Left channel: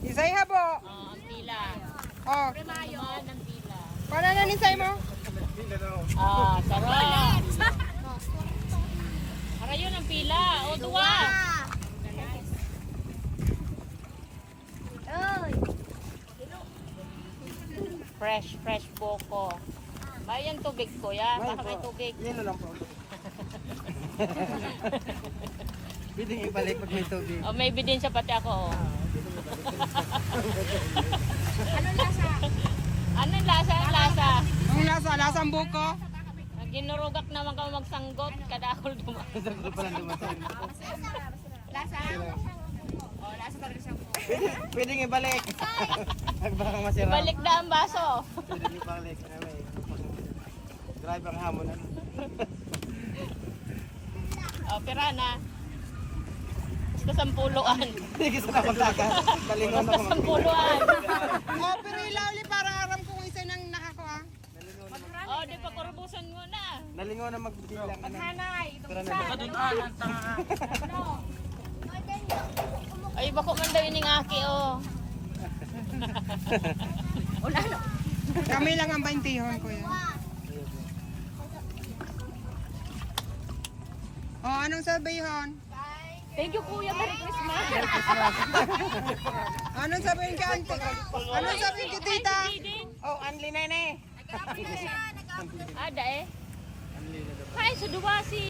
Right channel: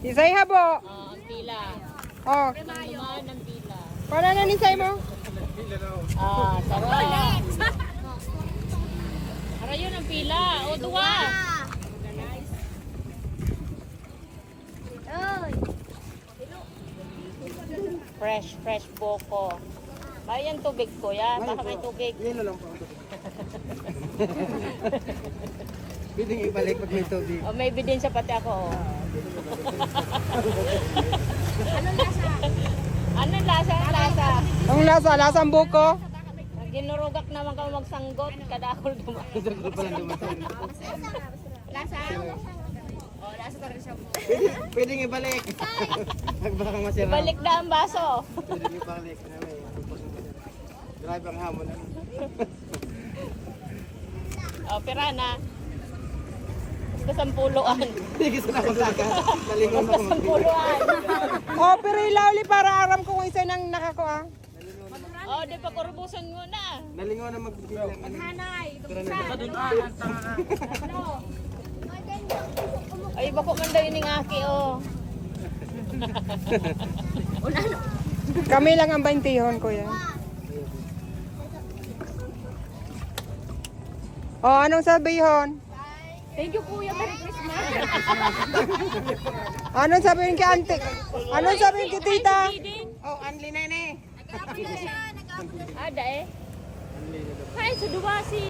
Isay habo. Ang pila. Oh. Naman ang pila. Para na nisay mo? Sarap. Para yun ang pila. O, duwa. Fresh boko. Bayan tubig ko yan. Baka may tubig. Yelo lang po. Pwedeng ibalik pag may tubig. O, may ebidensya pati ako. Oh. Anong lasa? Anong lasa? Ang lasa, lasang buko. Ginurugak naman kami magsanggot. Kadakol dumaan. Ito pa lang dumating. Lasa? Oh, lasa talaga siya po. Pwedeng ibalik. Pag baka masira. Balik na ang baso. Pwedeng ibalik. Drive ang hamon. O, pira na. Basta sampuluan. Sige sa nakasaka. Nalingon Basta ako magpila. sampuluan. Oh, pero ilauli para aram ko kung isa nang nakakuha. O, di pa kurbusan mo na. Nalingon na magbilang. Hanay, Tara na. Ay, bako man daw yung aki, oh. Kami lang ang 20 ko yan. Oh, anong sabihin? Thank you, Kuya. Merry Christmas. Anong sabihin kay auntie? Anong sabihin kay tita? Oh, Anli Nene. Ada eh. Hi, sa Duwasi.